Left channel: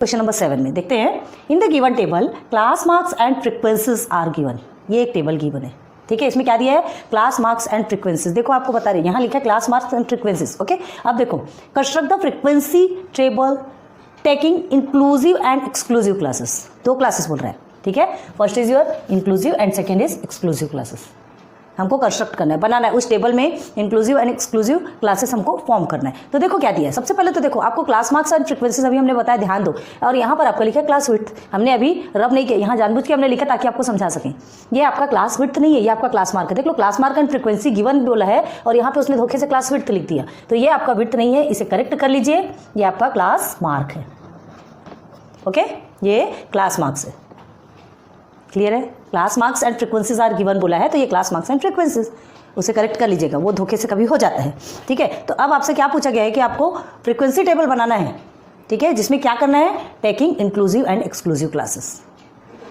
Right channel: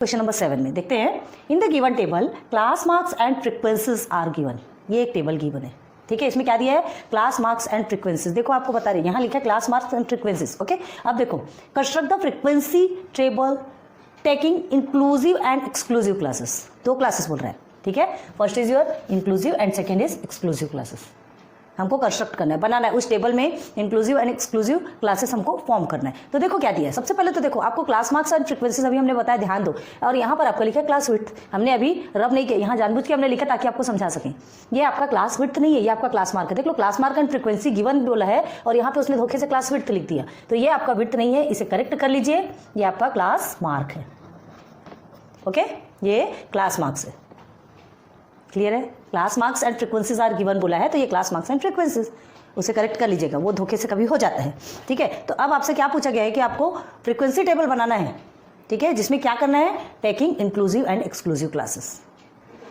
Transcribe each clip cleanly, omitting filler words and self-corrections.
Question number 7 में देखते हैं, in the given table class marks and frequencies are given. ये एक टेबल गिवन है, ठीक है। इसमें क्या दिया है, क्लास मार्क्स एंड फ्रीक्वेंसीज। देखो आपको बता रही है, यहाँ लिखा है class marks and frequencies. Okay, अब देखो, construct the frequency table taking inclusive and exclusive classes. दो क्लासेस बोल रहा है, ठीक है। First is your inclusive and second is exclusive classes. हमको कंस्ट्रक्ट करना है, बनाना है उस टेबल में इंक्लूसिव एंड एक्सक्लूसिव क्लासेस हमको फॉर्म करना है। तो देखो क्या दिया है, सबसे पहले तो देखो आपको क्लास मार्क्स एंड फ्रीक्वेंसीज अभी हमने बताया, ध्यान दो। और यहाँ पर आपका लिखा है क्लास विड्थ। हमने अभी रब नहीं किया, यहाँ जानबूझ के हमने लिखा ताकि आपको समझा सकें। ये आपका क्लास विड्थ नहीं है, ये आपका क्लास मार्क है। देख लो, class mark and frequency given बोला है और यहाँ पे उसने धोखे से क्लास विड्थ लिख दिया। तो ये आपका विड्थ नहीं है, इसे करेक्ट कर लीजिए, ये आपका क्लास मार्क है। ओके, ये क्लास मार्क्स है। क्लियर है, class marks and frequencies are given बोला है, तो ये क्लास मार्क्स एंड फ्रीक्वेंसीज, उसे करेक्ट कर लीजिएगा, वो धोखे से कभी हो जाता है, ठीक है। तो अब आपसे क्या पूछा गया है कि आपको फ्रीक्वेंसी टेबल बनाना है, ठीक है, जिसमें क्या करना है, taking inclusive and exclusive classes.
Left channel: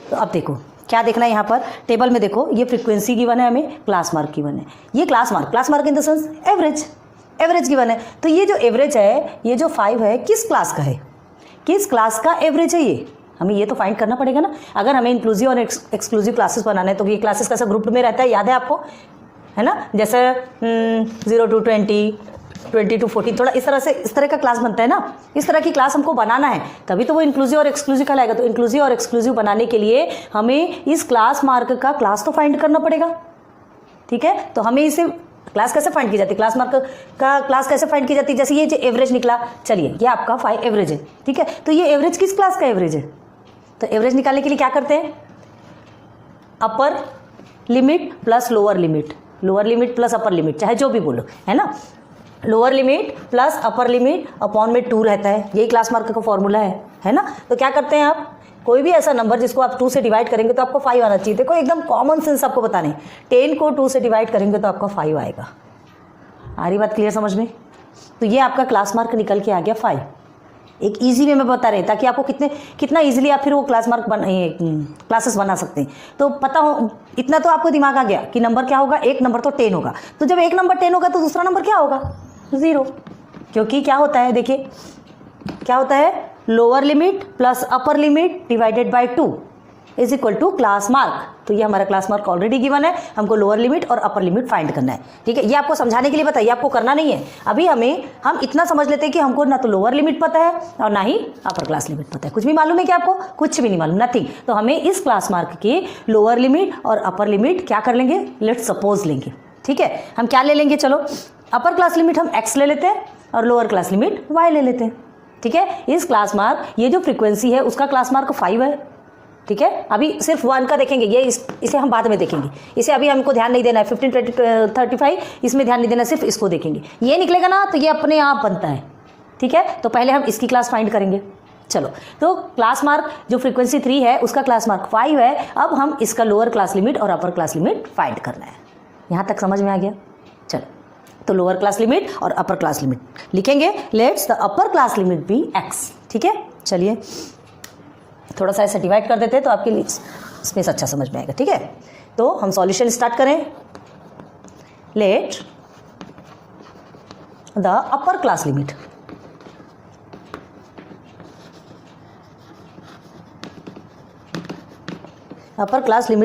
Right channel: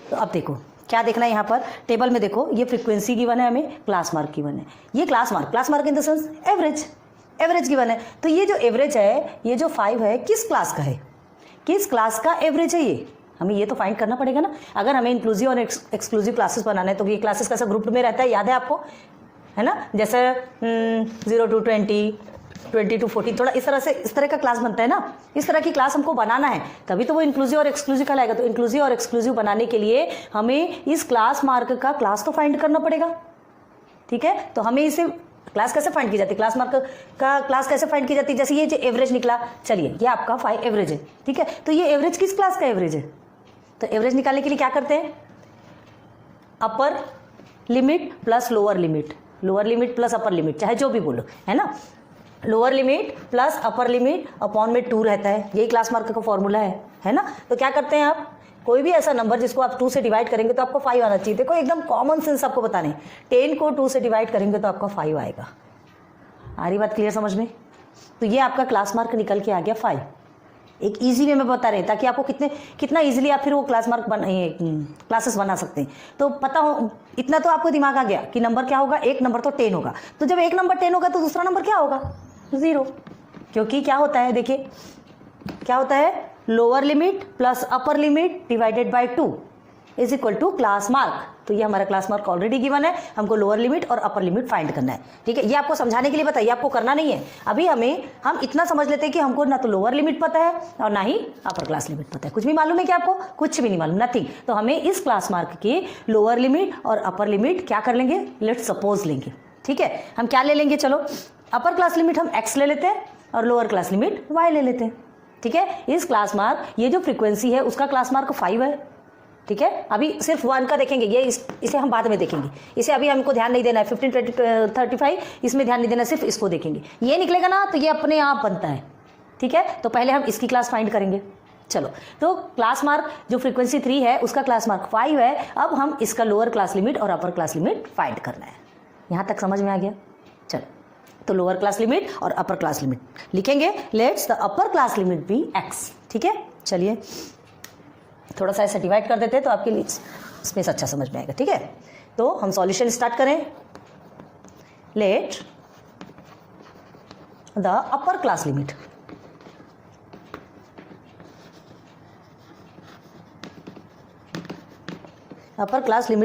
तो अब देखो क्या देखना है, यहाँ पर टेबल में देखो, ये फ्रीक्वेंसी गिवन है, हमें क्लास मार्क गिवन है। ये class mark in the sense average given है। तो ये जो एवरेज है, ये जो 5 है, किस क्लास का है, किस क्लास का एवरेज है, ये हमें ये तो फाइंड करना पड़ेगा ना। अगर हमें इंक्लूसिव और एक्सक्लूसिव क्लासेस बनाना है तो ये क्लासेस कैसे ग्रुप में रहता है, याद है आपको, है ना। जैसे 0 to 20, 20 to 40, थोड़ा इस तरह का क्लास बनता है ना। इस तरह की क्लास हमको बनाना है, तभी तो वो इंक्लूसिव और एक्सक्लूसिव कहलाएगा। तो इंक्लूसिव और एक्सक्लूसिव बनाने के लिए हमें इस क्लास मार्क का क्लास तो फाइंड करना पड़ेगा, ठीक है। तो हमें इसे क्लास कैसे फाइंड की जाती है, क्लास मार्क का क्लास कैसे फाइंड की जाती है, जैसे ये जो एवरेज निकला, चलिए ये आपका 5 एवरेज है, ठीक है। तो ये एवरेज किस क्लास का एवरेज है, तो एवरेज निकालने के लिए क्या करते हैं, upper limit plus lower limit plus upper limit, चाहे जो भी बोलो, है ना। Lower limit plus upper limit upon में 2 रहता है, यही क्लास मार्क का फॉर्मूला है ना। तो क्या करते हैं आप, कोई भी ऐसा नंबर जिसको आप 2 से डिवाइड करेंगे तो आपको 5 आना चाहिए। देखो एकदम कॉमन सेंस आपको बताने, 10 को 2 से डिवाइड करेंगे तो आपका 5 आएगा। आ रही बात क्लियर समझ में। तो ये आपका क्लास मार्क निकल के आ गया 5। एक इजी वे में बता रहे हैं ताकि आपको कितना इजीली आप फिर वो क्लासेस बना सकते हैं। तो पता हो, इतना तो आपको दिमाग आ गया कि नंबर क्या होगा, एक नंबर तो 10 होगा। तो जब एक नंबर 10 होगा तो दूसरा नंबर क्या होगा, 0, क्योंकि क्या होता है, देखिए क्या होता है, lower limit plus upper limit divided by 2 is equal to class mark. तो ये हमारा क्लास मार्क ऑलरेडी गिवन है, हमको लोअर लिमिट और अपर लिमिट फाइंड करना है, ठीक है। ये आपको समझाने के लिए बताइए, आपको करना नहीं है। अभी हम इतना समझ लेते हैं कि हमको ना तो लोअर लिमिट पता है और ना ही अपर क्लास लिमिट पता है। कुछ भी मालूम है क्या आपको, कुछ भी नहीं मालूम, नथिंग। तो हमें इस क्लास मार्क की लोअर लिमिट और अपर लिमिट क्या कर लेंगे, लेट्स सपोज लेंगे, ठीक है। हम क्या ले लेंगे, चलो अपर क्लास लिमिट हम x ले लेते हैं और लोअर क्लास लिमिट y ले लेते हैं, ठीक है। इस क्लास मार्क, ये जो फ्रीक्वेंसी है उसका क्लास मार्क 5 है, ठीक है। अभी सिर्फ 1 का देखेंगे, ये इसे हम बाद में देखेंगे, इसे अभी हमको ध्यान नहीं देना है। 15, 20, 35 इसमें ध्यान नहीं देना, सिर्फ इसको देखेंगे। ये निकलेगा ना तो ये अपने आप बनता है, ठीक है। तो पहले हम इसकी क्लास फाइंड करेंगे। चलो, तो क्लास मार्क जो फ्रीक्वेंसी 3 है उसका क्लास मार्क 5 है। अब हम इसका लोअर क्लास लिमिट और अपर क्लास लिमिट फाइंड करना है। यहाँ तक समझ में आ गया। चलो, तो लोअर क्लास लिमिट और अपर क्लास लिमिट लिखेंगे, let's the upper class limit be x, ठीक है। चलिए थोड़ा सा ऐसा डिवाइड कर देते हैं तो आपके लिए स्पेस अच्छा समझ में आएगा, ठीक है। तो हम सॉल्यूशन स्टार्ट करें। Let the upper class limit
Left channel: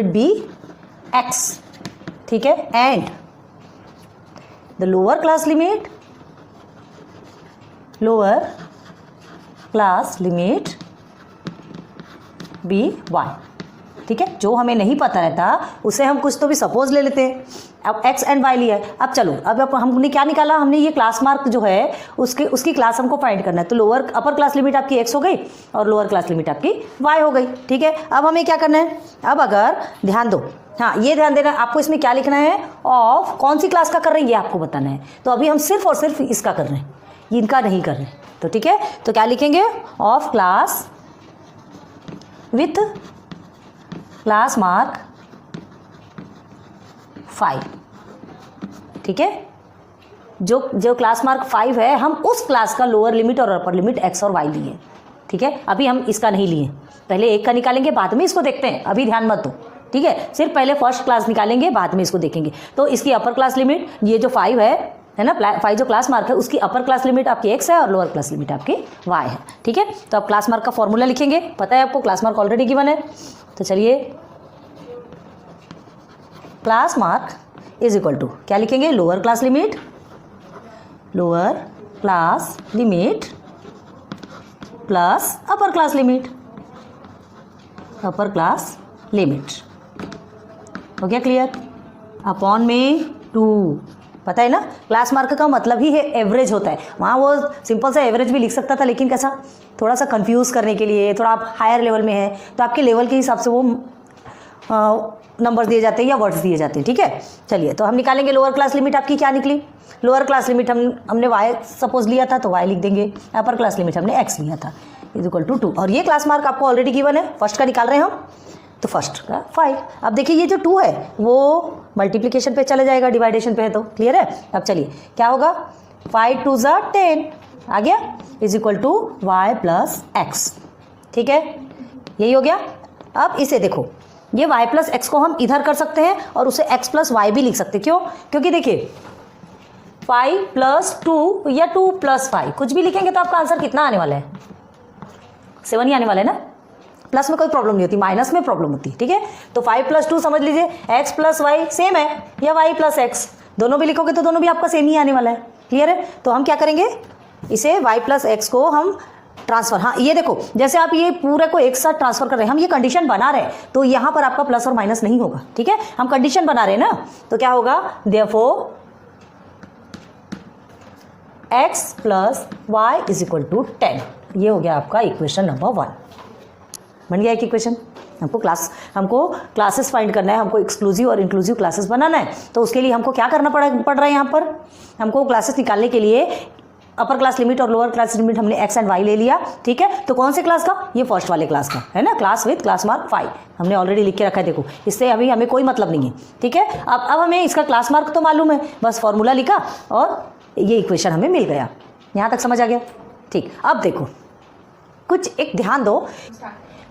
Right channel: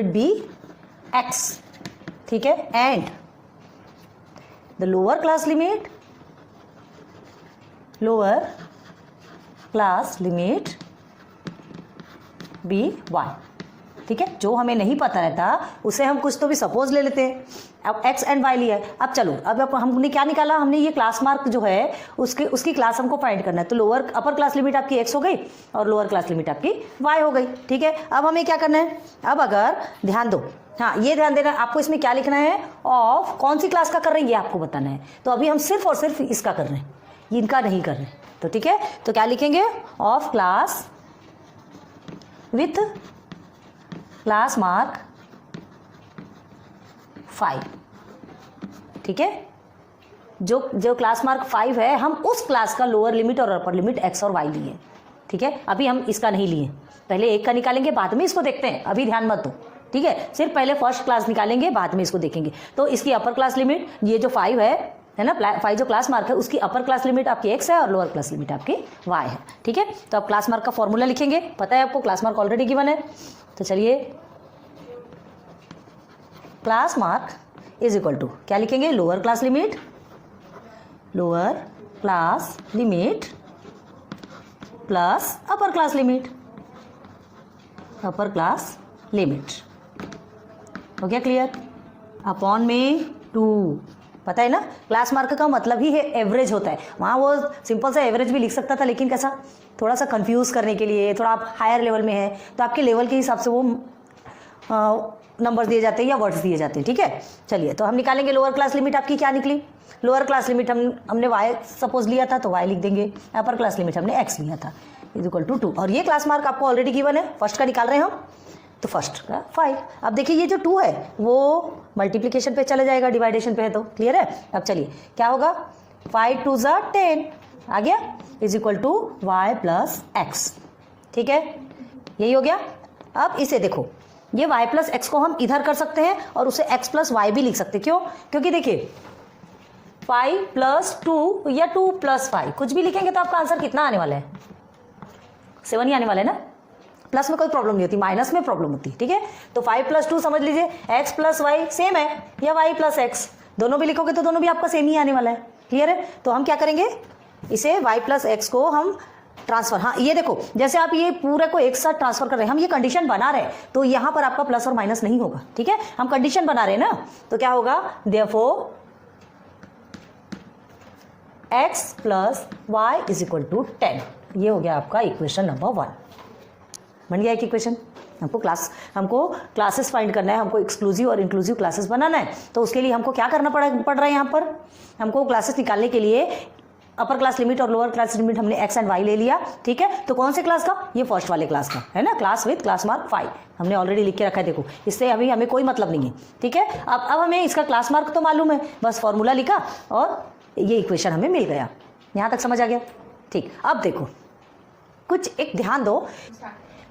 be x, ठीक है, and the lower class limit be y, ठीक है। जो हमें नहीं पता रहता उसे हम कुछ तो भी सपोज ले लेते हैं। अब x एंड y लिया है। अब चलो, अब हमने क्या निकाला, हमने ये क्लास मार्क जो है उसकी क्लास हमको फाइंड करना है। तो अपर क्लास लिमिट आपकी x हो गई और लोअर क्लास लिमिट आपकी y हो गई, ठीक है। अब हमें क्या करना है, अब अगर ध्यान दो, हाँ ये ध्यान देना, आपको इसमें क्या लिखना है, ऑफ कौन सी क्लास का कर रहे हैं ये आपको बताना है। तो अभी हम सिर्फ और सिर्फ इसका कर रहे हैं, इनका नहीं कर रहे, तो ठीक है। तो क्या लिखेंगे, of class with class mark 5, ठीक है। जो क्लास मार्क 5 है, हम उस क्लास का लोअर लिमिट और अपर लिमिट x और y लिए, ठीक है। अभी हम इसका नहीं लिए, पहले एक का निकालेंगे, बाद में इसको देखते हैं, अभी ध्यान मत दो, ठीक है। सिर्फ पहले फर्स्ट क्लास निकालेंगे, बाद में इसको देखेंगे। तो इसकी अपर क्लास लिमिट, ये जो 5 है, है ना, फाई जो क्लास मार्क है उसकी अपर क्लास लिमिट आपकी x है और लोअर क्लास लिमिट आपकी y है। ठीक है, तो आप क्लास मार्क का फॉर्मूला लिखेंगे, पता है आपको क्लास मार्क ऑलरेडी गिवन है। तो चलिए class mark is equal to क्या लिखेंगे, lower class limit plus upper class limit. हो गया क्लियर? अपॉन में 2, पता है ना, क्लास मार्क का मतलब ही है एवरेज होता है। वहाँ वो सिंपल सा एवरेज भी लिख सकता था, लेकिन कैसा, थोड़ा सा कंफ्यूज करने के लिए, थोड़ा आप हायर लेवल में है तो आपके लेवल के हिसाब से वो नंबर्स दिए जाते हैं या वर्ड्स दिए जाते हैं। ठीक है, चलिए तो हम निकालेंगे लोअर क्लास लिमिट आपकी क्या निकली। लोअर क्लास लिमिट हमने y सपोज लिया था तो y लिख देंगे, अपर क्लास लिमिट हमने x लिया था इज इक्वल टू 2, और ये क्लास मार्क आपको ऑलरेडी गिवन है, फर्स्ट का निकाल रहे हैं हम, तो फर्स्ट का 5। अब देखिए ये जो 2 है वो मल्टीप्लिकेशन पे चले जाएगा, डिवाइडेशन पे है, तो क्लियर है। अब चलिए क्या होगा, 5 2 ज़ा 10 आ गया is equal to y plus x. ठीक है, यही हो गया। अब इसे देखो, ये y प्लस एक्स को हम इधर कर सकते हैं और उसे x प्लस वाई भी लिख सकते हैं। क्यों? क्योंकि देखिए 5 प्लस 2 या 2 प्लस 5 कुछ भी लिखेंगे तो आपका आंसर कितना आने वाला है, 7 ही आने वाला है ना। प्लस में कोई प्रॉब्लम नहीं होती, माइनस में प्रॉब्लम होती। ठीक है, तो 5 प्लस 2 समझ लीजिए, x प्लस वाई सेम है, या y प्लस एक्स, दोनों भी लिखोगे तो दोनों भी आपका सेम ही आने वाला है। क्लियर है? तो हम क्या करेंगे, इसे y प्लस एक्स को हम ट्रांसफर, हाँ ये देखो जैसे आप ये पूरे को एक साथ ट्रांसफर कर रहे हैं, हम ये कंडीशन बना रहे हैं तो यहाँ पर आपका प्लस और माइनस नहीं होगा। ठीक है, हम कंडीशन बना रहे हैं ना, तो क्या होगा, therefore x plus y is equal to 10। ये हो गया आपका इक्वेशन नंबर 1, बन गया एक इक्वेशन। हमको क्लासेस फाइंड करना है, हमको एक्सक्लूसिव और इंक्लूसिव क्लासेस बनाना है, तो उसके लिए हमको क्या करना पड़ रहा है, यहाँ पर हमको क्लासेस निकालने के लिए अपर क्लास लिमिट और लोअर क्लास लिमिट हमने x एंड y ले लिया। ठीक है, तो कौन से क्लास का, ये फर्स्ट वाले क्लास का है ना, क्लास विथ क्लास मार्क 5 हमने ऑलरेडी लिख के रखा है। देखो इससे अभी हमें कोई मतलब नहीं है। ठीक है, अब हमें इसका क्लास मार्क तो मालूम है, बस फॉर्मूला लिखा और ये इक्वेशन हमें मिल गया। यहाँ तक समझ आ गया? ठीक, अब देखो कुछ एक ध्यान दो,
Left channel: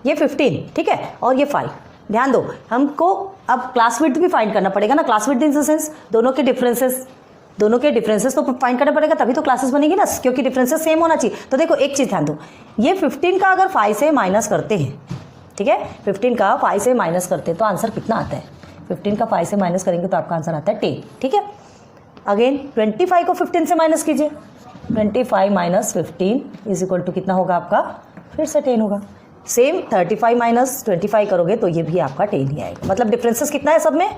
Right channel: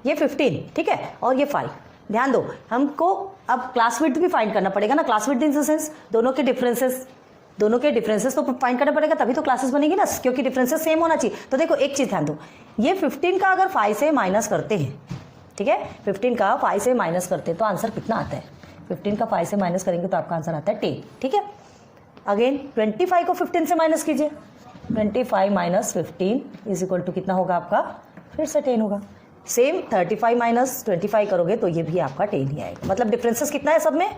ये 15 ठीक है और ये 5, ध्यान दो हमको अब क्लास विड्थ भी फाइंड करना पड़ेगा ना। Class width in the sense दोनों के डिफरेंसेस तो फाइंड करना पड़ेगा, तभी तो क्लासेस बनेगी ना, क्योंकि डिफरेंसेस सेम होना चाहिए। तो देखो एक चीज़ ध्यान दो, ये 15 का अगर 5 से माइनस करते हैं, ठीक है 15 का 5 से माइनस करते हैं तो आंसर कितना आता है, 15 का 5 से माइनस करेंगे तो आपका आंसर आता है 10। ठीक है, अगेन 25 को 15 से माइनस कीजिए, 25 माइनस 15 इज इक्वल टू कितना होगा आपका, फिर से 10 होगा। सेम 35 माइनस 25 करोगे तो ये भी आपका 10 ही आएगा। मतलब डिफरेंसेस कितना है सब में,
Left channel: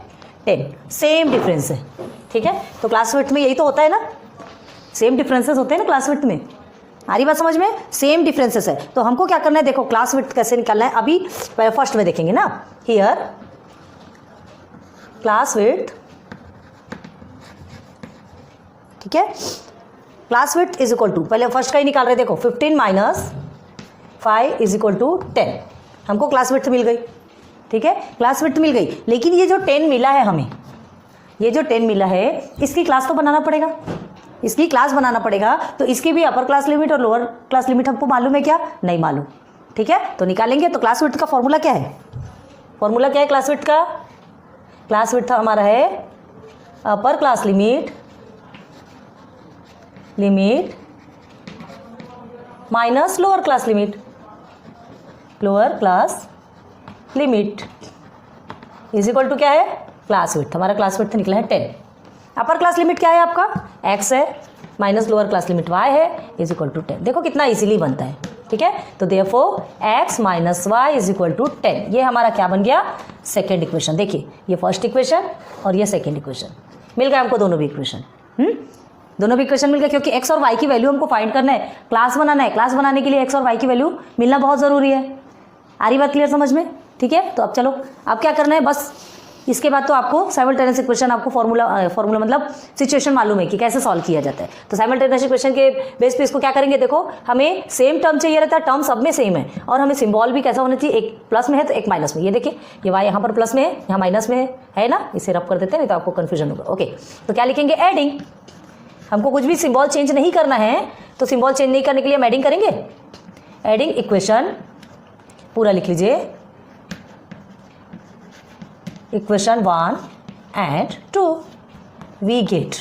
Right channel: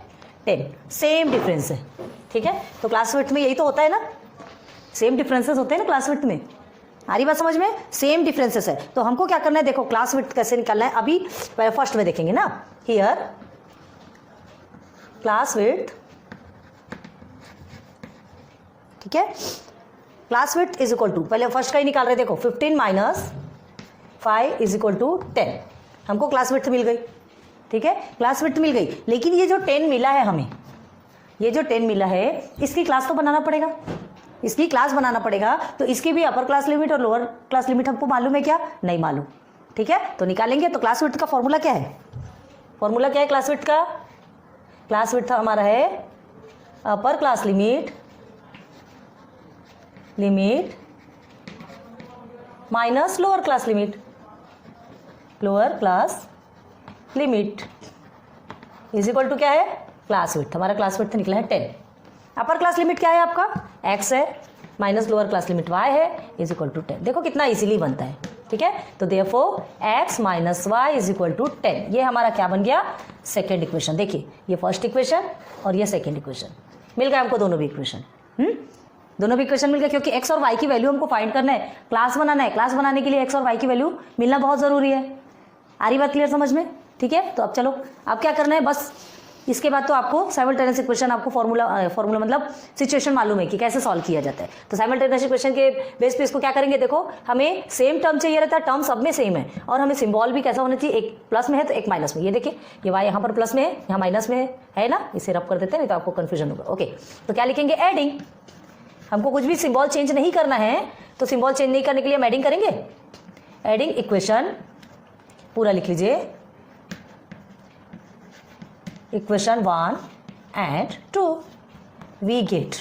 10, सेम डिफरेंस है। ठीक है, तो क्लास विड्थ में यही तो होता है ना, सेम डिफरेंसेस होते हैं ना क्लास विड्थ में। आ रही बात समझ में, सेम डिफरेंसेस है। तो हमको क्या करना है, देखो क्लास विड्थ कैसे निकालना है, अभी फर्स्ट में देखेंगे ना, हियर क्लास विड्थ, ठीक है, class width is equal to, पहले फर्स्ट का ही निकाल रहे, देखो 15 माइनस 5 इज इक्वल टू 10, हमको क्लास विड्थ मिल गई। ठीक है, क्लास विड्थ मिल गई, लेकिन ये जो 10 मिला है हमें, ये जो 10 मिला है इसकी क्लास तो बनाना पड़ेगा, इसकी क्लास बनाना पड़ेगा। तो इसकी भी अपर क्लास लिमिट और लोअर क्लास लिमिट हमको मालूम है क्या, नहीं मालूम। ठीक है, तो निकालेंगे। तो क्लास विड्थ का फॉर्मूला क्या है, फॉर्मूला क्या है क्लास विड्थ का, क्लास विड्थ हमारा है upper class limit minus lower class limit is equal to क्या है, क्लास विड्थ। हमारा क्लास विड्थ निकला है 10। अपर क्लास लिमिट क्या है आपका, x है, minus lower class limit y है, इज इक्वल टू 10। देखो कितना इजीली बनता है। ठीक है, तो therefore x minus y is equal to 10, ये हमारा क्या बन गया, सेकेंड इक्वेशन। देखिए ये फर्स्ट इक्वेशन और ये सेकेंड इक्वेशन मिल गया हमको, दोनों भी इक्वेशन दोनों भी इक्वेशन मिल गए, क्योंकि x और y की वैल्यू हमको फाइंड करना है, क्लास बनाना है। क्लास बनाने के लिए x और y की वैल्यू मिलना बहुत ज़रूरी है। आ रही बात क्लियर समझ में? ठीक है, तो अब चलो अब क्या करना है, बस इसके बाद तो आपको साइमल्टेनियस इक्वेशन, आपको फॉर्मूला मतलब सिचुएशन मालूम है कि कैसे सॉल्व किया जाता है। तो साइमल्टेनियस इक्वेशन के बेस पे इसको क्या करेंगे, देखो हमें सेम टर्म चाहिए रहता है, टर्म सब में सेम है, और हमें सिंबल भी कैसा होना चाहिए, एक प्लस में है तो एक माइनस में। ये देखिए ये y यहाँ पर प्लस में है, यहाँ माइनस में है ना, इसे रब कर देते हैं नहीं तो आपको कन्फ्यूजन होगा। ओके, तो क्या लिखेंगे, एडिंग। हमको कुछ भी सिंबल चेंज नहीं करना है, तो सिंबल चेंज नहीं करने के लिए हम एडिंग करेंगे। एडिंग इक्वेशन पूरा लिख लीजिए, इक्वेशन 1 and 2 वी गेट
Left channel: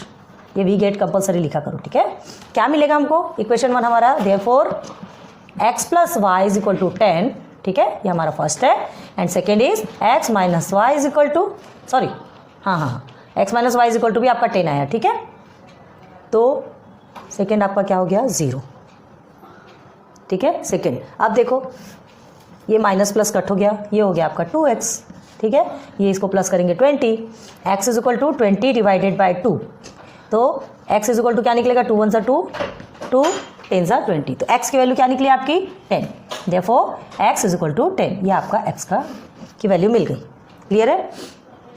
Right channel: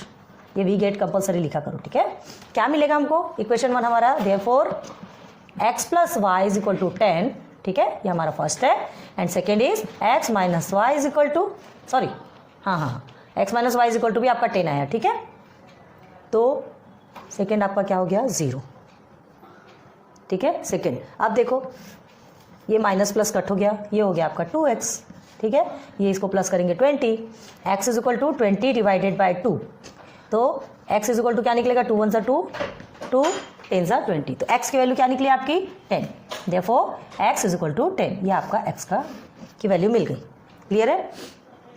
ये वी गेट कंपलसरी लिखा करो, ठीक है। क्या मिलेगा हमको, इक्वेशन 1 हमारा therefore x plus y is equal to 10, ठीक है, ये हमारा फर्स्ट है। And second is x minus y is equal to, sorry हाँ x minus y is equal to भी आपका 10 आया, ठीक है। तो सेकेंड आपका क्या हो गया 0, ठीक है। सेकेंड अब देखो ये माइनस प्लस कट हो गया, ये हो गया आपका 2x, ठीक है। ये इसको प्लस करेंगे 20, x is equal to 20 divided by 2, तो x इज इक्वल टू क्या निकलेगा 2 1 2, 2 10 20, तो x की वैल्यू क्या निकली आपकी 10, therefore x is equal to 10, ये आपका x की वैल्यू मिल गई। क्लियर है।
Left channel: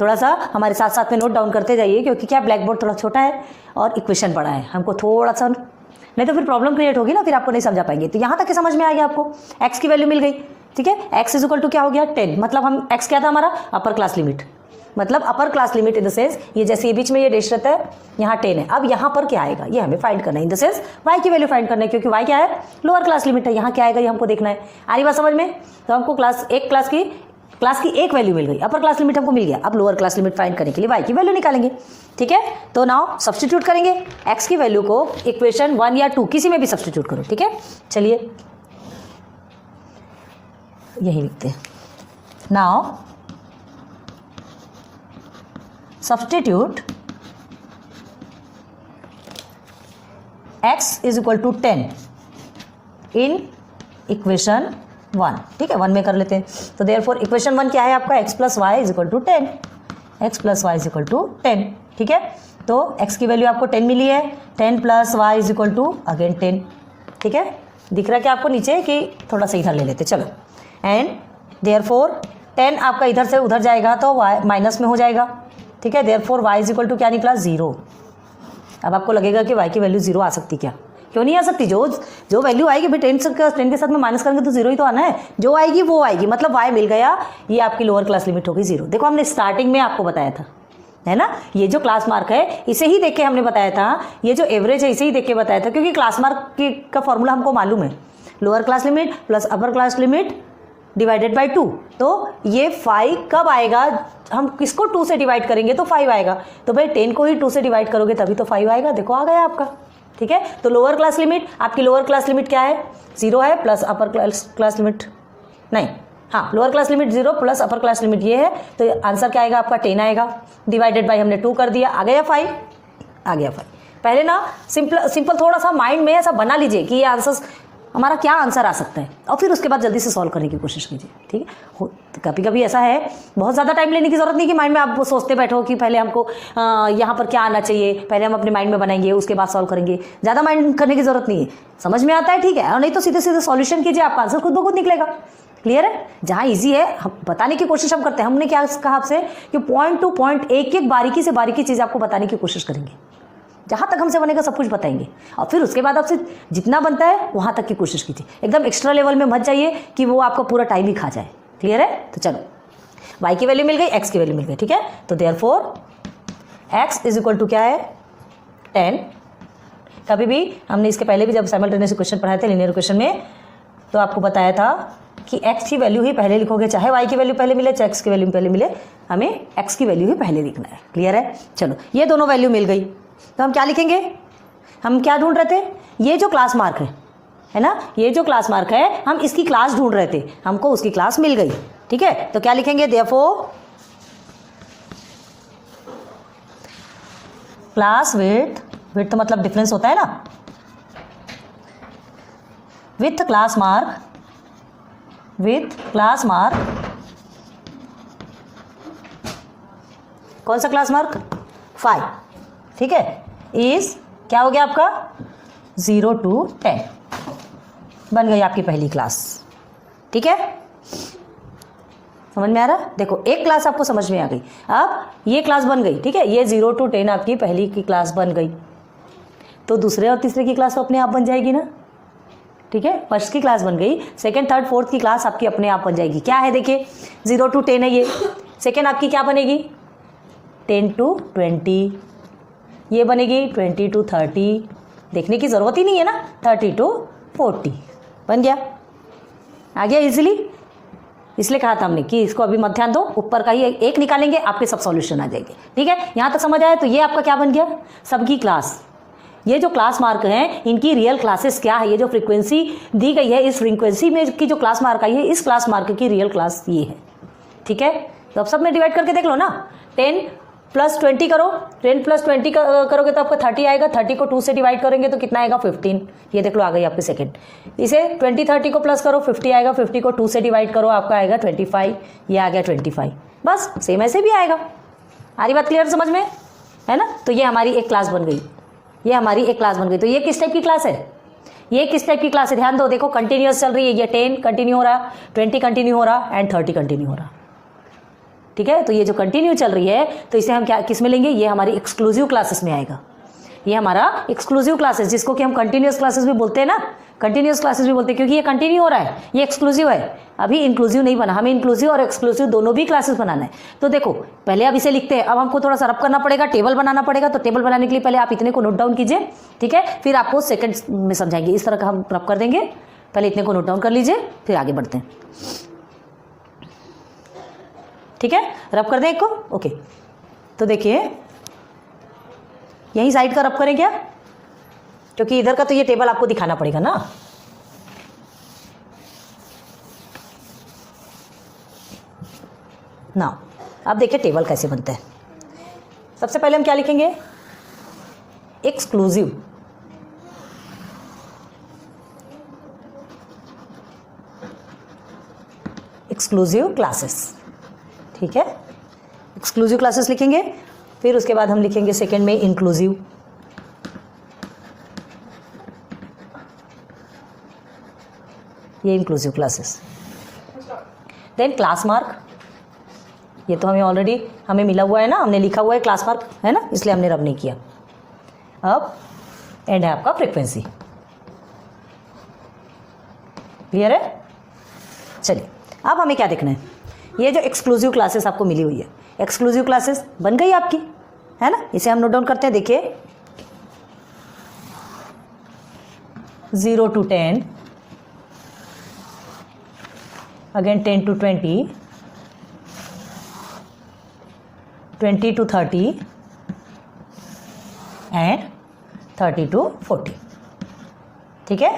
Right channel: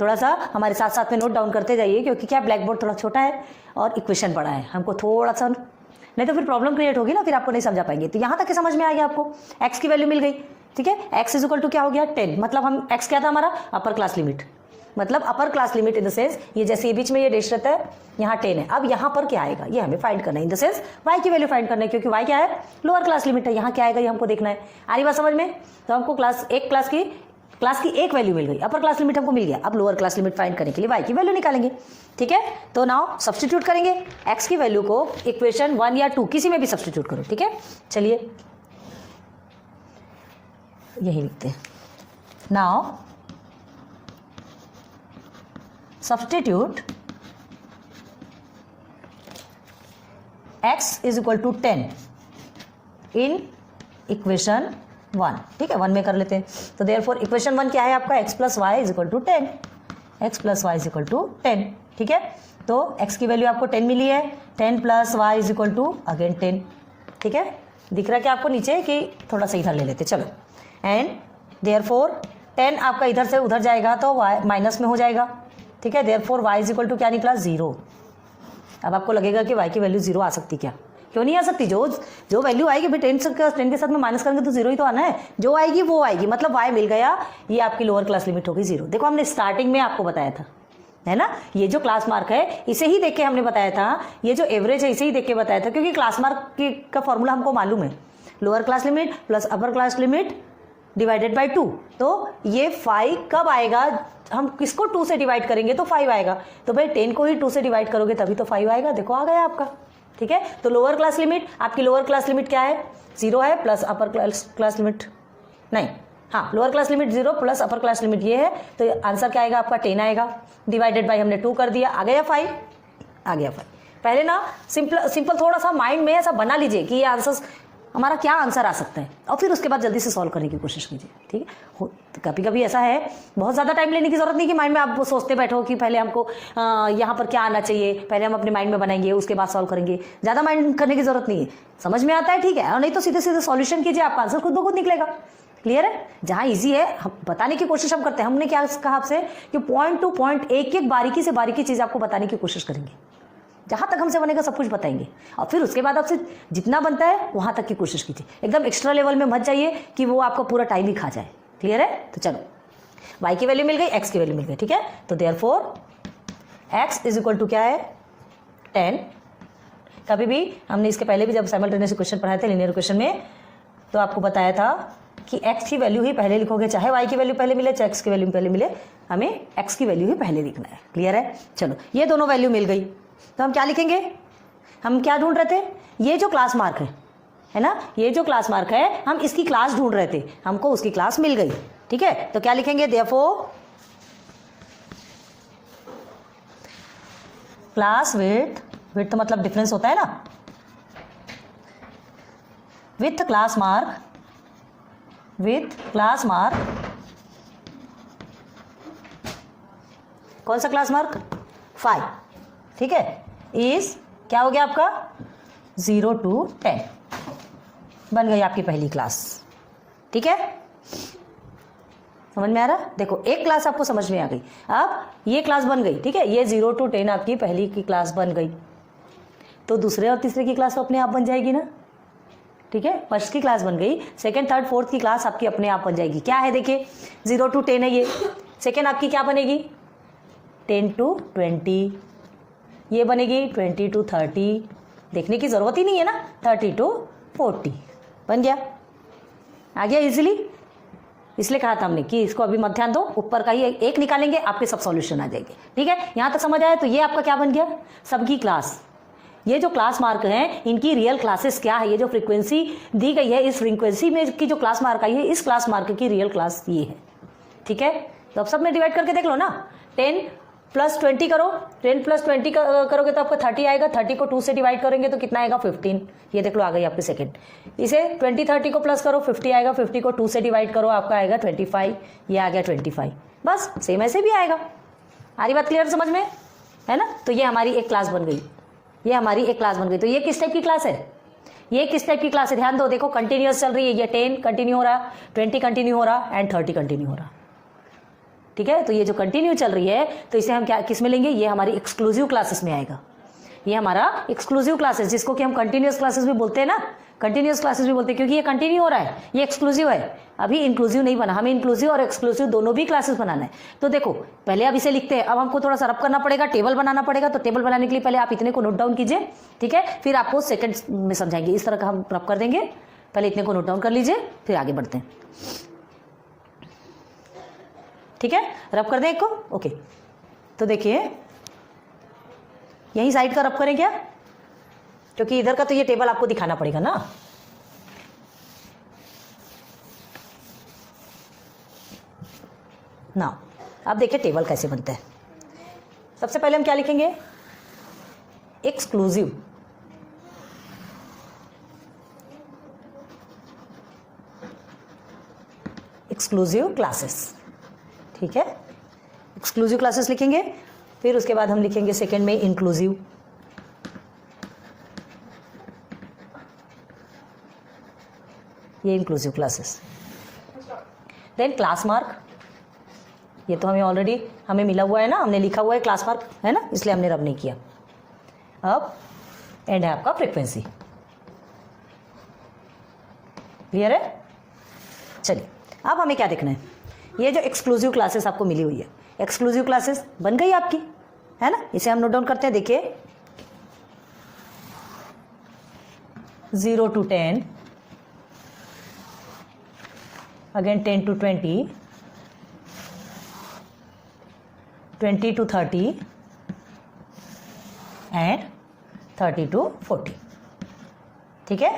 थोड़ा सा हमारे साथ साथ में नोट डाउन करते जाइए, क्योंकि क्या ब्लैक बोर्ड थोड़ा छोटा है और इक्वेशन बड़ा है, हमको थोड़ा सा, नहीं तो फिर प्रॉब्लम क्रिएट होगी ना, फिर आपको नहीं समझा पाएंगे। तो यहाँ तक के समझ में आ गया आपको, x की वैल्यू मिल गई, ठीक है। x इज इक्वल टू क्या हो गया 10, मतलब हम x क्या था हमारा अपर क्लास लिमिट, मतलब अपर class limit in the sense ये जैसे ये बीच में ये डैश रहता है, यहाँ 10 है। अब यहाँ पर क्या आएगा ये हमें फाइंड करना है, इन द सेंस y की वैल्यू फाइंड करना है, क्योंकि y क्या है लोअर क्लास लिमिट है, यहाँ क्या आएगा ये हमको देखना है। आ रही बात समझ में। तो हमको क्लास की एक वैल्यू मिल गई, अपर क्लास लिमिट हमको मिल गया। अब लोअर क्लास लिमिट फाइंड करने के लिए y की वैल्यू निकालेंगे, ठीक है। तो नाउ सब्स्टिट्यूट करेंगे x की वैल्यू को इक्वेशन 1 या 2 किसी में भी सब्स्टिट्यूट करो, ठीक है। चलिए यही लिखते हैं। Now substitute x is equal to 10 in equation 1, ठीक है, 1 में कर लेते हैं। तो देयरफॉर इक्वेशन 1 क्या है आपका x plus y is equal to 10, x plus y is equal to 10, ठीक है। तो x की वैल्यू आपको 10 मिली है, 10 plus y is equal to again 10, ठीक है। दिख रहा है कि आपको नीचे कि थोड़ा सा इधर ले लेते, चलो। एंड देयरफॉर 10 आपका इधर से उधर जाएगा तो y माइनस में हो जाएगा, ठीक है। Therefore y is equal to क्या निकला 0। अब आपको लगेगा कि y की वैल्यू 0 आ सकती, क्या क्यों नहीं आ सकती, जो वैल्यू आएगी भाई 10 के साथ में माइनस करेंगे तो 0 ही तो आना है, जो आएगी वो आएगी, मतलब y मिल गया, ये आपकी लोअर क्लास लिमिट होगी 0। देखो हमने स्टार्टिंग में आपको बताया था, है ना, ये जो क्लास मार्क है इसे ही देख के हमने बताया था, ये जो एवरेज है इसे ही देख के बताया था, क्योंकि क्लास मार्क का फॉर्मूला हमको मालूम है, lower class limit plus upper class limit divided by 2। तो ये 5 कब आएगा, हम किसको 2 से डिवाइड करेंगे तो 5 आएगा, तो भाई 10 को ही 2 से डिवाइड करोगे तभी तो 5 आएगा, देखो आ गया आपका, ठीक है। तो लोअर क्लास लिमिट, आपकी लोअर क्लास लिमिट क्या है 0 है, प्लस अपर क्लास लिमिट नहीं, हाँ lower class limit 0 plus upper class limit ये है, तो आंसर क्या आएगा आपका 10 आएगा, डिवाइडेड बाई हमने 2 कर दिया, आ गया 5, आ गया 5। पहले ना सिंपल थोड़ा सा माइंड में ऐसा बना लीजिए कि ये आंसर हमारा क्या आंसर आ सकता है, और फिर उसके बाद जल्दी से सॉल्व करने की कोशिश कीजिए, ठीक है। कभी कभी ऐसा है बहुत ज़्यादा टाइम लेने की जरूरत नहीं कि माइंड में आप सोचते बैठो कि पहले हमको यहाँ पर क्या आना चाहिए, पहले हम अपने माइंड में बनाएंगे उसके बाद सॉल्व करेंगे, ज़्यादा माइंड करने की जरूरत नहीं है, समझ में आता है ठीक है, और नहीं तो सीधे सीधे सॉल्यूशन कीजिए, आपका आंसर खुद ब खुद निकलेगा। क्लियर है। जहाँ ईजी है हम बताने की कोशिश हम करते हैं, हमने क्या कहा आपसे कि पॉइंट टू पॉइंट एक एक बारीकी चीज़ आपको बताने की कोशिश करेंगे, जहाँ तक हमसे बनेगा सब कुछ बताएंगे, और फिर उसके बाद आपसे जितना बनता है वहाँ तक की कोशिश कीजिए, एकदम एक्स्ट्रा लेवल में मत जाइए कि वो आपका पूरा टाइम ही खा जाए। क्लियर है। तो चलो y की वैल्यू मिल गई, x की वैल्यू मिल गई, ठीक है। तो therefore x is equal to क्या है 10। कभी भी हमने इसके पहले भी जब साइमल्टेनियस इक्वेशन पढ़ाए थे लीनियर इक्वेशन में, तो आपको बताया था कि x की वैल्यू ही पहले लिखोगे, चाहे y की वैल्यू पहले मिले चाहे x की वैल्यू पहले मिले, हमें x की वैल्यू ही पहले लिखना है। क्लियर है। चलो ये दोनों वैल्यू मिल गई, तो हम क्या लिखेंगे, हम क्या ढूंढ रहे थे, ये जो क्लास मार्क है ना, ये जो क्लास मार्क है हम इसकी क्लास ढूंढ रहे थे, हमको उसकी क्लास मिल गई, ठीक है। तो क्या लिखेंगे, देयरफॉर क्लास विड्थ तो मतलब डिफरेंस होता है ना, विथ क्लास मार्क कौन सा क्लास मार्क 5, ठीक है, इज क्या हो गया आपका 0 to 10, बन गई आपकी पहली क्लास। ठीक है, समझ में आ रहा। देखो एक क्लास आपको समझ में आ गई, अब ये क्लास बन गई, ठीक है, ये 0 to 10 आपकी पहली की क्लास बन गई, तो दूसरे और तीसरे की क्लास तो अपने आप बन जाएगी ना। ठीक है, फर्स्ट की क्लास बन गई, सेकंड थर्ड फोर्थ की क्लास आपकी अपने आप बन जाएगी। क्या है देखिए 0 to 10 है ये, सेकंड आपकी क्या बनेगी 10 to 20, ये बनेगी 20 to 30, देखने की ज़रूरत ही नहीं है ना, 30 to 40 बन गया, आ गया इजीली। इसलिए कहा था हमने कि इसको अभी मत ध्यान दो, ऊपर का ही एक निकालेंगे, आपके सब सॉल्यूशन आ जाएंगे। ठीक है, यहाँ तक समझ आया? तो ये आपका क्या बन गया, सबकी क्लास। ये जो क्लास मार्क हैं इनकी रियल क्लासेस क्या है, ये जो फ्रीक्वेंसी दी गई है इस फ्रीक्वेंसी में की जो क्लास मार्क आई है इस क्लास मार्क की रियल क्लास ये है। ठीक है, तो अब सब में डिवाइड करके देख लो ना। 10 + 20 करो, 10 + 20 करोगे तो आपका 30 आएगा, 30 को 2 से डिवाइड करेंगे तो कितना आएगा 15। ये देख लो आ गई आपकी सेकंड। इसे 20 30 को प्लस करो 50 आएगा, 50 को 2 से डिवाइड करो आपका आएगा 25, ये आ गया 25। बस सेम ऐसे भी आएगा। आ रही बात क्लियर समझ में, है ना? तो ये हमारी एक क्लास बन गई, ये हमारी एक क्लास बन गई। तो ये किस टाइप की क्लास है, ये किस टाइप की क्लास है? ध्यान दो, देखो कंटिन्यूअस चल रही है, ये 10 कंटिन्यू हो रहा, 20 कंटिन्यू हो रहा एंड 30 कंटिन्यू हो रहा। ठीक है, तो ये जो कंटिन्यू चल रही है तो इसे हम क्या किस में लेंगे, ये हमारी एक्सक्लूसिव क्लासेस में आएगा। ये हमारा एक्सक्लूसिव क्लासेस, जिसको कि हम कंटिन्यूअस क्लासेस भी बोलते हैं ना, कंटिन्यूअस क्लासेस भी बोलते हैं क्योंकि ये कंटिन्यू हो रहा है, ये एक्सक्लूसिव है। अभी इंक्लूसिव नहीं बना, हमें इंक्लूसिव और एक्सक्लूसिव दोनों भी क्लासेस बनाना है। तो देखो पहले अब इसे लिखते हैं, अब हमको थोड़ा सा रब करना पड़ेगा, टेबल बनाना पड़ेगा। तो टेबल बनाने के लिए पहले आप इतने को नोट डाउन कीजिए, ठीक है, फिर आपको सेकंड में समझाएंगे। इस तरह का हम रब कर देंगे, पहले इतने को नोट डाउन कर लीजिए फिर आगे बढ़ते हैं। ठीक है, रब कर दें एक को, ओके। तो देखिए यही साइड का रब करें क्या, क्योंकि इधर का तो ये टेबल आपको दिखाना पड़ेगा ना। ना अब देखिए टेबल कैसे बनता है। सबसे पहले हम क्या लिखेंगे, एक्सक्लूसिव, एक्सक्लूसिव क्लासेस। ठीक है, एक्सक्लूसिव क्लासेस लिखेंगे, फिर उसके बाद हम लिखेंगे सेकंड में इंक्लूसिव, ये inclusive classes. Then class mark, ये तो हमें ऑलरेडी हमें मिला हुआ है ना, हमने लिखा हुआ है क्लास मार्क, है ना, इसलिए हमने रब नहीं किया। अब एंड है आपका फ्रीक्वेंसी। क्लियर है? चलिए अब हमें क्या देखना है, ये जो एक्सक्लूसिव क्लासेस आपको मिली हुई है, एक्सक्लूसिव क्लासेस बन गई आपकी, है ना। इसे हम नोट डाउन करते हैं, देखिए 0 to 10, again 10 to 20, 20 to 30 and 30 to 40। ठीक है,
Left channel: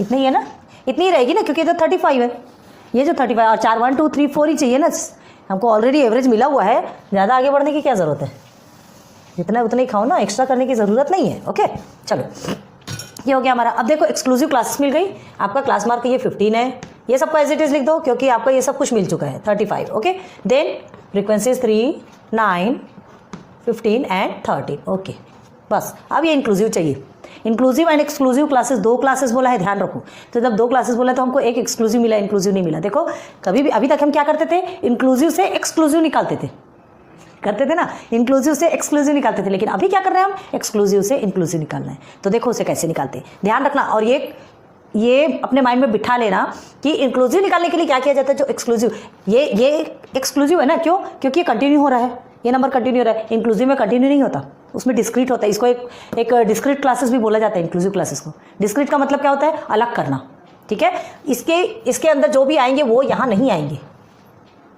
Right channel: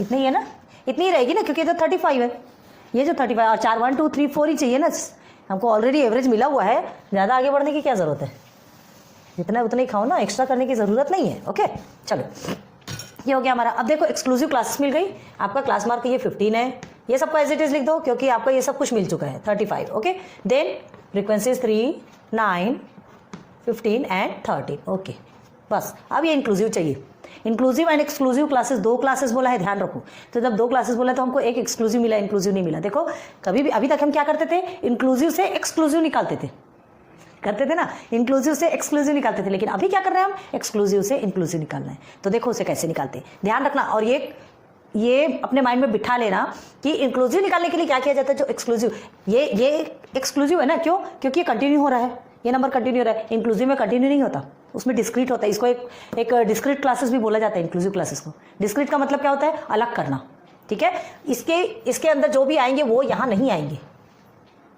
इतनी ही है ना, इतनी ही रहेगी ना, क्योंकि इधर 35 है, ये जो 35 और 4 1 2 3 4 ही चाहिए ना, हमको ऑलरेडी एवरेज मिला हुआ है, ज़्यादा आगे बढ़ने की क्या ज़रूरत है, जितना उतना ही खाओ ना, एक्स्ट्रा करने की ज़रूरत नहीं है। ओके चलो, ये हो गया हमारा। अब देखो एक्सक्लूसिव क्लासेस मिल गई, आपका क्लास मार्क ये 15 है, ये सबको एज इट इज लिख दो क्योंकि आपका ये सब कुछ मिल चुका है 35। Okay, then frequencies 3 9 15 and 30। Okay बस, अब ये इंक्लूसिव चाहिए। इंक्लूसिव एंड एक्सक्लूसिव क्लासेस, दो क्लासेस बोला है, ध्यान रखो। तो जब दो क्लासेस बोला तो हमको एक एक्सक्लूसिव मिला, इंक्लूसिव नहीं मिला। देखो कभी भी अभी तक हम क्या करते थे, इंक्लूसिव से एक्सक्लूसिव निकालते थे, करते थे ना, इंक्लूसिव से एक्सक्लूसिव निकालते थे, लेकिन अभी क्या कर रहे हैं हम, एक्सक्लूसिव से इंक्लूसिव निकालना है। तो देखो उसे कैसे निकालते हैं, ध्यान रखना। और ये अपने माइंड में बिठा लेना कि इंक्लूसिव निकालने के लिए क्या किया जाता है, जो एक्सक्लूसिव, ये एक्सक्लूसिव है ना, क्यों, क्योंकि ये कंटिन्यू हो रहा है, ये नंबर कंटिन्यू हो रहा है। इंक्लूसिव में कंटिन्यू नहीं होता, उसमें डिस्क्रीट होता है। इसको एक डिस्क्रीट क्लासेस भी बोला जाता है, इंक्लूसिव क्लासेस को। डिस्क्रीट का मतलब क्या होता है, अलग करना। ठीक है, इसके अंदर जो भी आएंगे वो यहाँ नहीं आएंगे।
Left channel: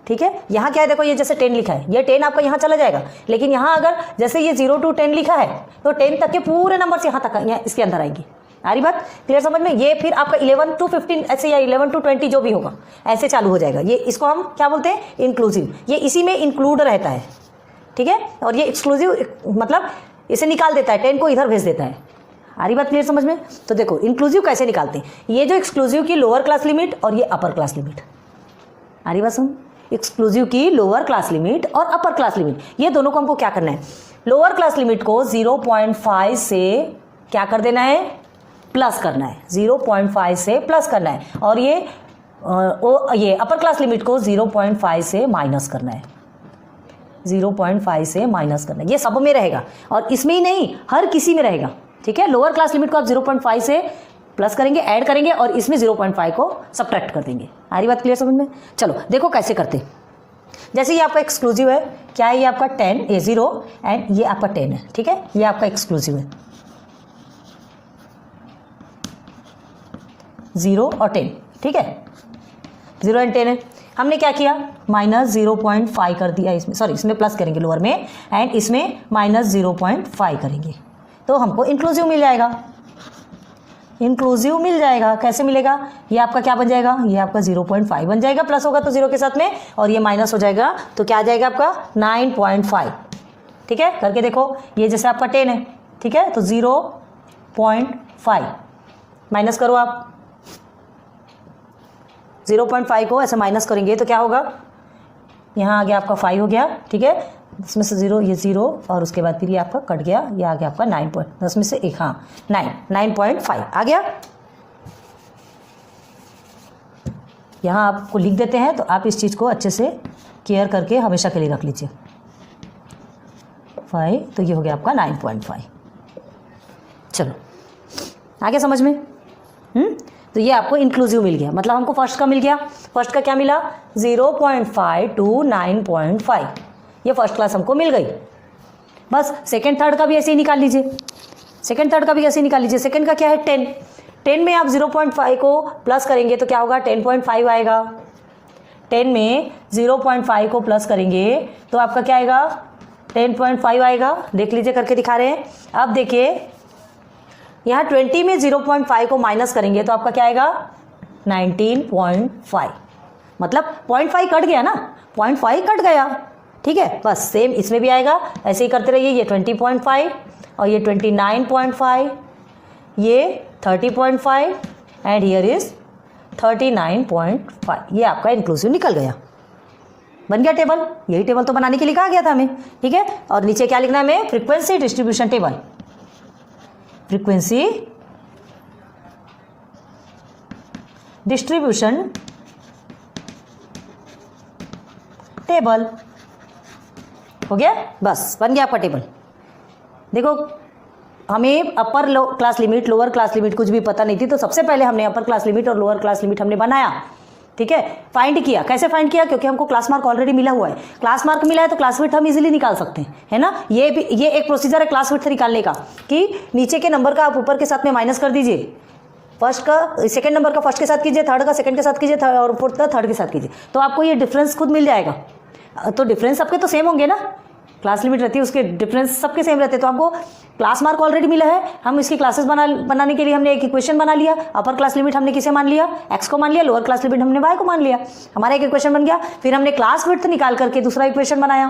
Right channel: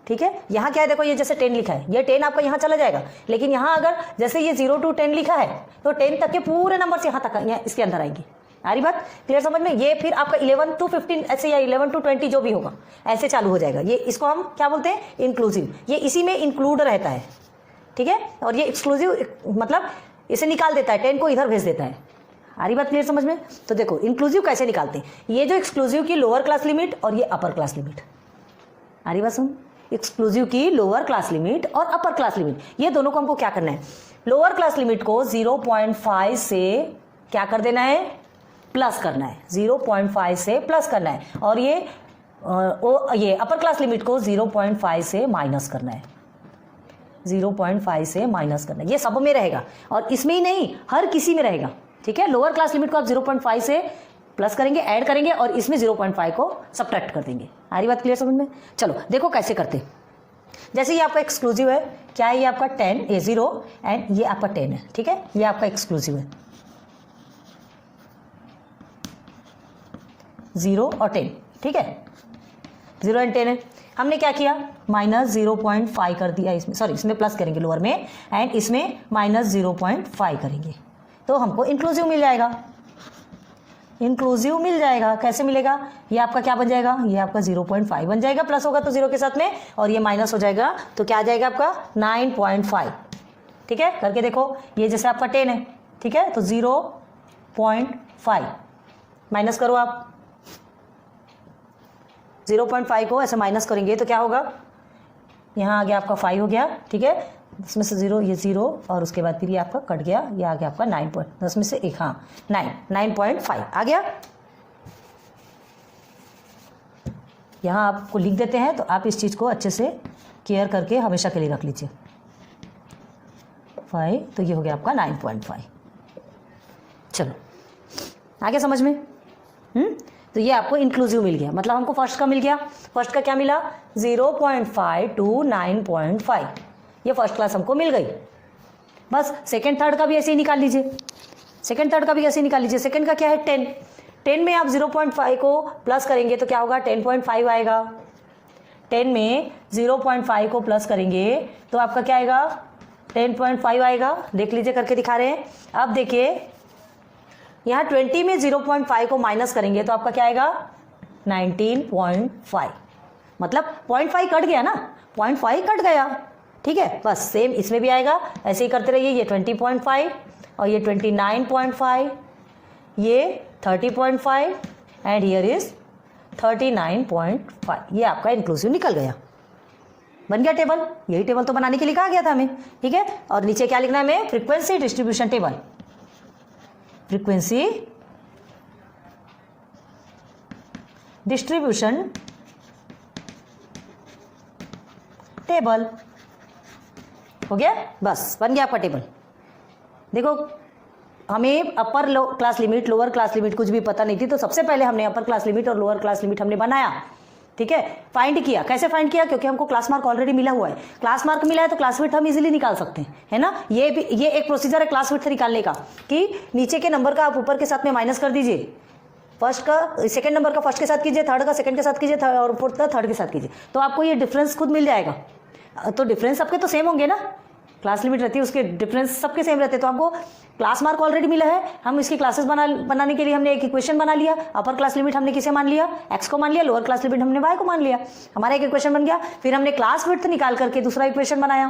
ठीक है, यहाँ क्या है, देखो ये जैसे 10 लिखा है, ये 10 आपका यहाँ चला जाएगा, लेकिन यहाँ अगर जैसे ये 0 to 10 लिखा है तो 10 तक के पूरे नंबर से यहाँ तक इसके अंदर आएंगे। आ रही बात क्लियर समझ में? ये फिर आपका 11 to 15 ऐसे, या 11 to 20 जो भी होगा ऐसे चालू हो जाएगा। ये इसको हम क्या बोलते हैं, इंक्लूसिव, ये इसी में इंक्लूड रहता है। ठीक है, और ये एक्सक्लूसिव मतलब इसे निकाल देता है, 10 को इधर भेज देता है। आ रही बात क्लियर समझ में? तो देखो इंक्लूसिव कैसे निकालते हैं, ये जो एक्सक्लूसिव की लोअर क्लास लिमिट और ये अपर क्लास लिमिट। आ रही बात सुन, एक्सक्लूसिव की लोअर क्लास लिमिट और अपर क्लास लिमिट, ये दोनों को हमको क्या करना है, लोअर क्लास लिमिट को 0.5 से क्या कर देना है, प्लस करना है, 0.5 से प्लस करना है। और ये अपर क्लास लिमिट को 0.5 से माइनस करना है, 0.5 से माइनस करना है। ये सब में रहेगा और इसमें ही नहीं, हर किसी में रहेगा। ठीक है, लोअर क्लास लिमिट को आप 0.5 से प्लस करेंगे, ऐड करेंगे, और इसमें 0.5 को सब्ट्रैक्ट कर देंगे। आ रही बात क्लियर समझ में? चलो देखो कैसे करते। जैसे ये आपका एक्सक्लूसिव है, क्या है, ये आपका 10 ये 0 एंड ये आपका 10 है। ठीक है, ये आपका एक्सक्लूसिव है, 0 और 10। ठीक है, 0 एंड 10 है। हमने क्या किया, -0.5 कर दिया इसमें, सॉरी इसमें प्लस करेंगे लोअर में, एंड इसमें -0.5 करेंगे तो हमको इंक्लूसिव मिल जाएगा। इंक्लूसिव मिल जाएगा, कैसे मिलेगा, ये आपका क्या बन जाएगा, ये आपका 0.5 बन जाएगा, प्लस होगा तो 0 के साथ में, और ये माइनस हो जाएगा तो क्या आ जाएगा आपका 9.5। ठीक है, करके देखो, ये जैसे आपका 10 है, ठीक है, तो 0.5 माइनस करो आप, 0.5 को ऐसे माइनस करेंगे तो क्या होगा, यहाँ आ गया आपका 5 हो गया, ठीक है, इसमें से 0, ये 0, और उसके बाद फिर ये आपका कट गया, ये आ गया आपका 10 में से 1, हाँ 9.5 आ गया। यहाँ आपको लिख देते हैं, तो आप इस चीज़ को अच्छे से केयर करके हमेशा के लिए रख लीजिए। 5, तो ये हो गया आपका 9.5। चलो आगे समझ में, तो ये आपको इंक्लूसिव मिल गया, मतलब हमको फर्स्ट का मिल गया, फर्स्ट का क्या मिला 0.5 to 9.5, ये फर्स्ट क्लास हमको मिल गई। बस सेकंड थर्ड का भी ऐसे ही निकाल लीजिए, सेकंड थर्ड का भी ऐसे ही निकाल लीजिए। सेकंड का क्या है 10 में आप 0.5 को प्लस करेंगे तो क्या होगा 10.5 आएगा, 10 में 0.5 को प्लस करेंगे तो आपका क्या आएगा 10.5 आएगा। देख लीजिए, करके दिखा रहे हैं। अब देखिए यहाँ 20 में 0.5 को माइनस करेंगे तो आपका क्या आएगा 19.5, मतलब 0.5 कट गया ना, 0.5 कट गया, ठीक है। बस सेम इसमें भी आएगा, ऐसे ही करते रहिए। ये 20.5 और ये 29.5, ये 30.5 एंड हियर इज 39.5। ये आपका इंक्लूसिव निकल गया, बन गया टेबल। यही टेबल तो बनाने के लिए कहा गया था हमें, ठीक है। और नीचे क्या लिखना है हमें, frequency distribution table, frequency distribution table हो गया, बस बन गया आपका टेबल। देखो हमें अपर class limit lower class limit कुछ भी पता नहीं थी, तो सबसे पहले हमने अपर क्लास लिमिट और लोअर क्लास लिमिट हमने बनाया, ठीक है। फाइंड किया, कैसे फाइंड किया, क्योंकि हमको क्लास मार्क ऑलरेडी मिला हुआ है। क्लास मार्क मिला है तो क्लास विड्थ हम इजीली निकाल सकते हैं, है ना। ये एक प्रोसीजर है क्लास विड्थ निकालने का, कि नीचे के नंबर का आप ऊपर के साथ में माइनस कर दीजिए, फर्स्ट का सेकंड नंबर का फर्स्ट के साथ कीजिए, थर्ड का सेकंड के साथ कीजिए, और फोर्थ का थर्ड के साथ कीजिए, तो आपको ये डिफरेंस खुद मिल जाएगा। तो डिफरेंस सबके तो सेम होंगे ना, क्लास लिमिट रहती है उसके डिफरेंस सबके सेम रहते हैं। तो हमको क्लास मार्क ऑलरेडी मिला है, हम इसकी क्लासेस बनाने के लिए हमने एक इक्वेशन बना लिया। अपर क्लास लिमिट हमने किसे मान लिया, x को मान लिया, लोअर क्लास लिमिट हमने y को मान लिया, हमारा एक इक्वेशन बन गया। फिर हमने क्लास विड्थ निकाल करके दूसरा इक्वेशन बनाया,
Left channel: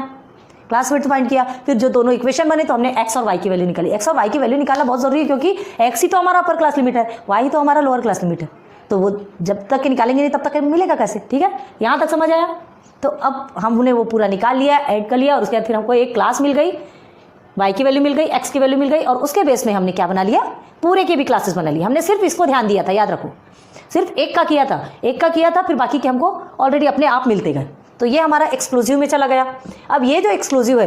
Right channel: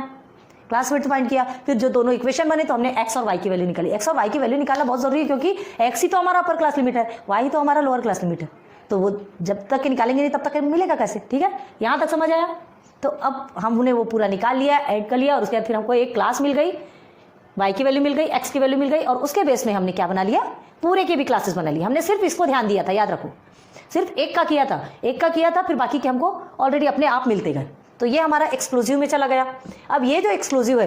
क्लास विड्थ फाइंड किया। फिर जो दोनों इक्वेशन बने तो हमने x और y की वैल्यू निकाली। x और y की वैल्यू निकालना बहुत जरूरी है, क्योंकि x ही तो हमारा अपर क्लास लिमिट है, y ही तो हमारा लोअर क्लास लिमिट है। तो वो जब तक निकालेंगे नहीं तब तक मिलेगा कैसे, ठीक है। यहाँ तक समझ आया। तो अब हमने वो पूरा निकाल लिया, ऐड कर लिया, और उसके बाद फिर हमको एक क्लास मिल गई, y की वैल्यू मिल गई, x की वैल्यू मिल गई, और उसके बेस में हमने क्या बना लिया, पूरे के भी क्लासेस बना लिया। हमने सिर्फ इसको ध्यान दिया था, याद रखो, सिर्फ एक का किया था, फिर बाकी के हमको ऑलरेडी अपने आप मिलते गए। तो ये हमारा एक्सक्लूसिव में चला गया। अब ये जो एक्सक्लूसिव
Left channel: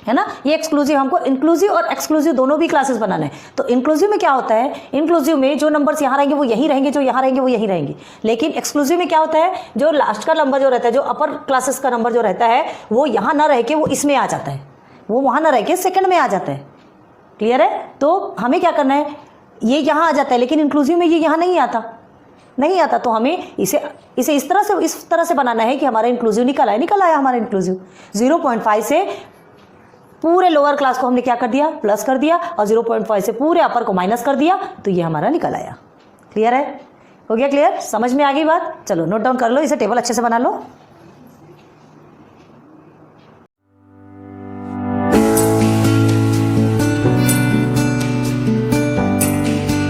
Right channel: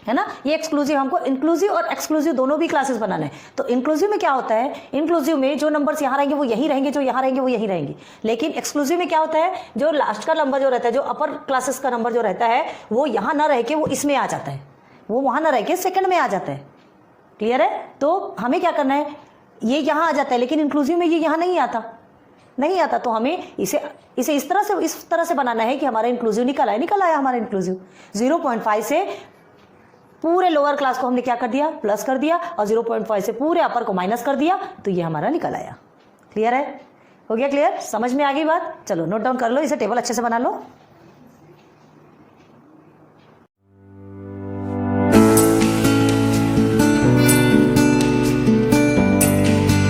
है ना, ये एक्सक्लूसिव हमको इंक्लूसिव और एक्सक्लूसिव दोनों भी क्लासेस बनाना है। तो इंक्लूसिव में क्या होता है, इंक्लूसिव में जो नंबर्स यहाँ रहेंगे वो यहीं रहेंगे, जो यहाँ रहेंगे वो यहीं रहेंगे। लेकिन एक्सक्लूसिव में क्या होता है, जो लास्ट का नंबर जो रहता है, जो अपर क्लासेस का नंबर जो रहता है, वो यहाँ ना रह के वो इसमें आ जाता है, वो वहाँ ना रह के सेकंड में आ जाता है। क्लियर है। तो हमें क्या करना है, ये यहाँ आ जाता है, लेकिन इंक्लूसिव में ये यहाँ नहीं आता। तो हमें इसे इस तरह से बनाना है कि हमारा इंक्लूसिव निकल आया हमारा इंक्लूसिव। 0.5 से पूरे लोअर क्लास को हमने क्या कर दिया, प्लस कर दिया, और 0.5 से पूरे अपर को माइनस कर दिया, तो ये हमारा निकल आया। क्लियर है, हो गया क्लियर, समझ में आ गई बात। चलो नोट डाउन कर लो, इसे टेबल अच्छे से बना लो।